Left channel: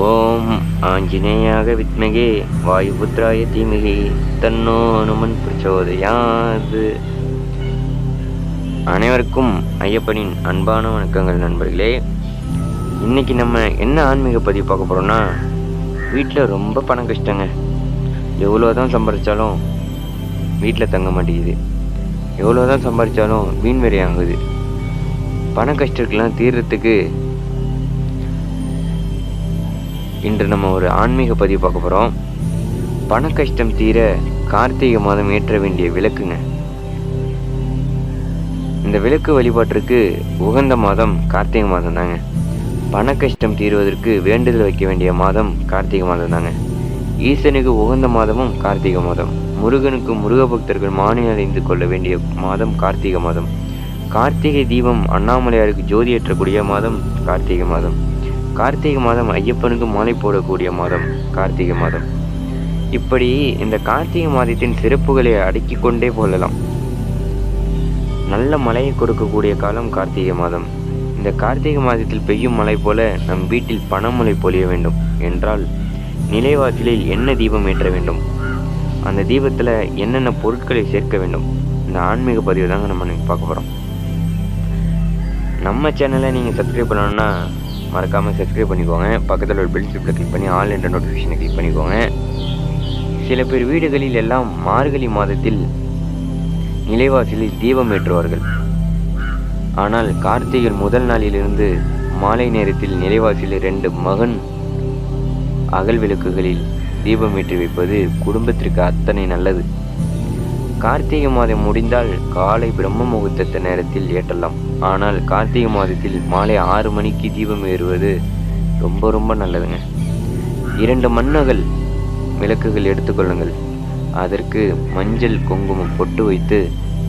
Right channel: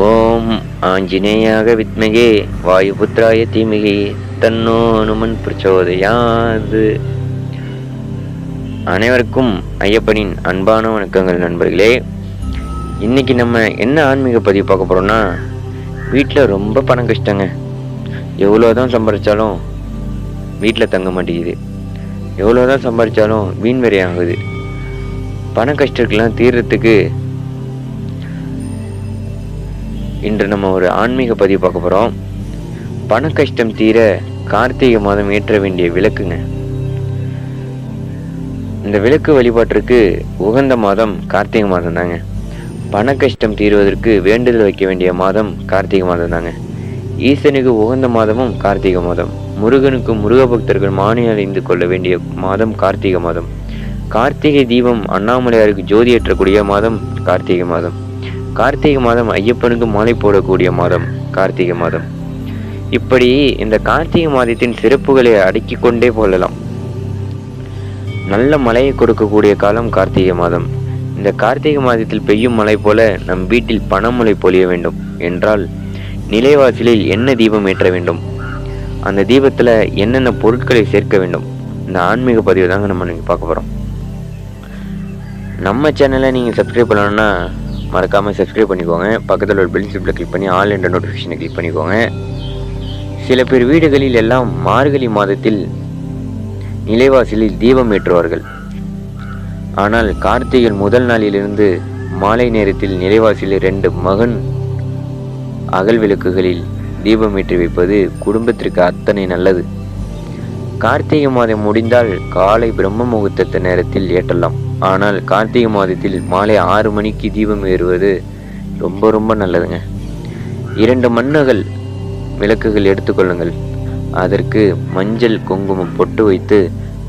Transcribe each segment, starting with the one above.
ஓம் ஆஞ்சநேயாக வித்மகே வாயுபுத்ராய தீமகே தன்னோ அனுமன் பிரச்சோதயாது. அனைவருக்கும் ஐயப்பனின் அன்பான வணக்கங்கள் நண்பர்களே. இன்னைக்கு நம்ம என்ன ஆன்மீக பதிவு பார்க்க போறோம்னா, வீட்டில் ரொம்ப பணம் கஷ்டங்க. எவ்வளோதான் சம்பாதிச்சாலும் வீட்டில் தங்க மாட்டேங்குது. எவ்வளோதான் சம்பாதிச்சாலும் வீண் விரயம் ஆகுது. பண கஷ்டத்துக்கெல்லாம் தீர்றதுக்கு இன்று நம்ம ஒரு ஆன்மீக பதிவு பார்க்க போகிறோம். பண கஷ்டம் தீர கார்த்திகை மாதம் ஏற்ற வேண்டிய விளக்குங்க. இந்த விளக்கு வழிபாட்டிற்கு உகந்த மாதம் கார்த்திகை மாதம் தாங்க. பண கஷ்டம் தீர்வதற்கு வேண்டுதல் வைக்க வேண்டிய மாதம் கார்த்திகை மாதம் தாங்க. ஈசனுக்கு உகந்த மாதமும் கார்த்திகை மாதம். முருகனுக்கு முருக பக்தர்கள் மானி அடைந்து கொள்ள வேண்டிய மாதம் கார்த்திகை மாதம். கார்த்திகை தீபம் அண்ணாமலையாருக்கு ஜோதி ஏற்றக்கூடிய மாதம் கார்த்திகை மாதம். கார்த்திகை மாதம் ஐயப்பனுக்கு மாலை போடக்கூடிய மாதம் கார்த்திகை மாதம். இப்படி இந்த கார்த்திகை மாதத்தின் சிறப்புகளை அடுக்கி கொண்டே போகலாம். நல்ல மழையை கொடுக்கக்கூடிய காலம் கார்த்திகை மாதம். இந்த கார்த்திகை மாதத்தில் பெய்யும் மழை போல நம் வீட்டில் பணமழை பொழிய வேண்டும் என்றால் நிலைவாசலில் என்ன தீபம் ஏற்ற வேண்டும், அந்த தீபத்தில் என்னென்ன பொருட்களை சேர்க்க வேண்டும், இந்த ஆன்மீக பதிவு தாங்க நம்ம பார்க்க போகிறோம். நம்ம சேனலை நீங்கள் சப்ஸ்கிரைப் பண்ணணும்னா மறக்காமல் சப்ஸ்கிரைப் பண்ணிக்கோங்க. பக்கத்தில் ஒரு பெல் சிம்பிளை கிளிக் பண்ணி ஆல் என்ற நோட்டிஃபிகேஷனை கிளிக் பண்ணிக்கோங்க. சில பேர் வீடுகளில் எல்லாம் மார்கழி மாதத்தில் நிலைவாசலில் தீபம் ஏற்றுவார்கள். ஆனால் கார்த்திகை முதல் நாளிலிருந்து மாலை நேரத்தில் நிலைவாசலில் 2 மகன் அகல் விளக்குகளில் தீபம் ஏற்றி வைப்பது குடும்பத்திற்கு அத்தனை நல்லது. கார்த்திகை மாதம் முடிந்தால் காலை பிரம்ம முகூர்த்த நேரத்தில் ஏற்றலாம். ஆனால் கார்த்திகை மாதத்தில் மாலை 6 மணிக்கு தீபம் ஏறுவது ரொம்ப ரொம்ப நல்லதுங்க. 2 மண்ணகல் விளக்குகள் எடுத்துக்கொள்ளுங்கள். அதற்கு மஞ்சள் குங்குமம் பொட்டு வைத்து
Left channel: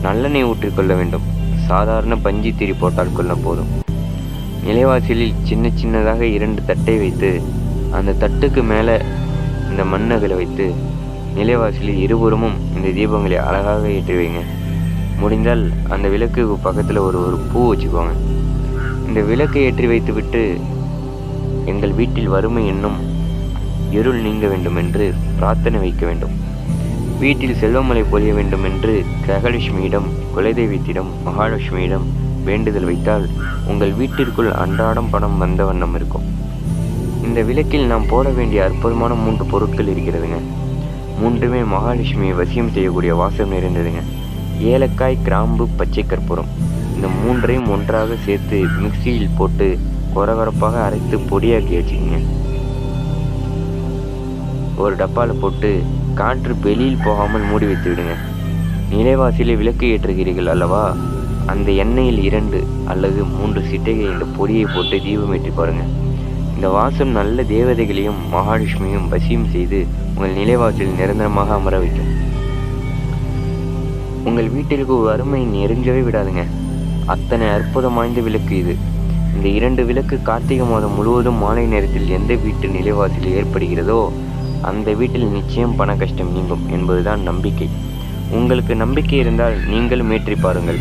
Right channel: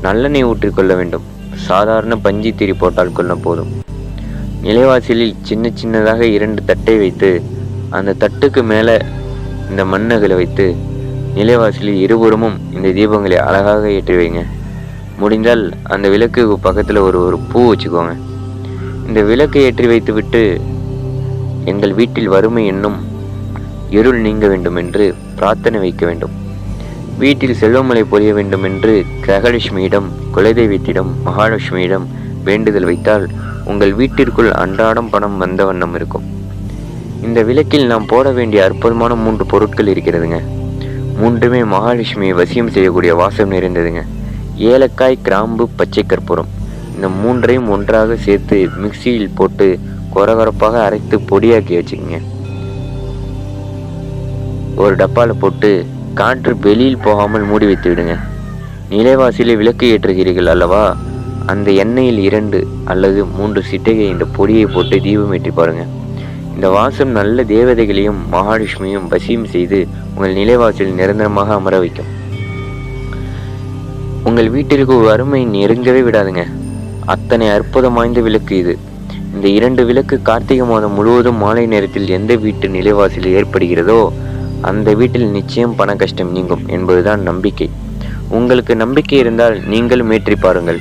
நல்லெண்ணெய் ஊற்றிக்கொள்ள வேண்டும். சாதாரண பஞ்சு திரி போட்டால் கொள்ள போதும். நிலைவாசலில் சின்ன சின்னதாக 2 தட்டை வைத்து அந்த தட்டுக்கு மேலே இந்த மண்ணகலை வைத்து நிலைவாசலில் இருபுறமும் இந்த தீபங்களை அழகாக ஏற்றி வைங்க. முடிந்தால் அந்த விளக்கு பக்கத்தில் ஒரு பூ வச்சுக்கோங்க. இந்த விளக்கை ஏற்றி வைத்து விட்டு எங்கள் வீட்டில் வறுமை என்னும் இருள் நீங்க வேண்டும் என்று பிரார்த்தனை வைக்க வேண்டும். வீட்டில் செல்வமழை பொழிய வேண்டும் என்று கிரகலட்சுமியிடம், குலதெய்வத்திடம், மகாலட்சுமியிடம் வேண்டுதல் வைத்தால் உங்கள் வீட்டிற்குள் அன்றாடம் பணம் வந்த வண்ணம் இருக்கும். இந்த விளக்கில் நாம் போட வேண்டிய அற்புதமான 3 பொருட்கள் இருக்கிறதுங்க. 3மே மகாலட்சுமியை வசியம் செய்யக்கூடிய வாசம் நிறைந்ததுங்க. ஏலக்காய், கிராம்பு, பச்சை கற்பூரம். இந்த 3ஐயும் ஒன்றாக சேர்த்து மிக்சியில் போட்டு கொரகொரப்பாக அரைத்து பொடியாக்கி வச்சுக்கோங்க. ஒரு டப்பாவில் போட்டு காற்று வெளியில் போகாமல் மூடி வைத்து விடுங்க. நிலைவாசியில் விளக்கு ஏற்றுகிறீர்கள் அல்லவா, அந்த எண்ணெயில் 2 அல்லது 3 சிட்டைகள் இந்த பொடியை போட்டு தீபம் ஏற்றி பாருங்க. இந்த வாசம் நல்ல தேவதைகளையும் மகாலட்சுமியும் வசியம் செய்து உங்கள் நிலைவாசலில் நிரந்தரமாக அமர வைக்கும். உங்கள் வீட்டிற்கு வறுமை நெருங்கவே விடாதுங்க. அத்தனை அற்புதம் வாய்ந்த விளக்கு இது. இந்த 2 விளக்கு கார்த்திகை மாதம் முழுவதும் மாலை நேரத்தில் எந்த வீட்டு நிலைவாசலில் ஏற்படுகிறதோ அந்த வீட்டில் நிச்சயம் பண கஷ்டம் நீங்கும் என்பதுதான் நம்பிக்கை. உங்களுக்கு நம்பிக்கை இருந்தால் நீங்களும் ஏற்றி பாருங்கள்.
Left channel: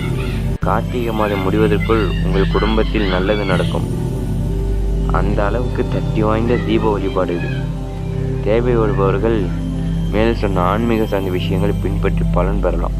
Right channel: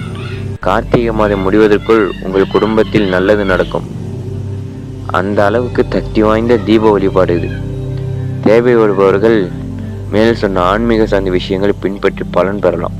கார்த்திகை மாதம் முடிவதற்குள் உங்கள் குடும்பத்தில் நல்லது நடக்கும். அந்த அளவுக்கு சக்தி வாய்ந்த தீப வழிபாடு இது. தேவை வருபவர்கள் மேல் சொன்ன ஆன்மீக சார்ந்த விஷயங்களை பின்பற்றி பலன் பெறலாம்.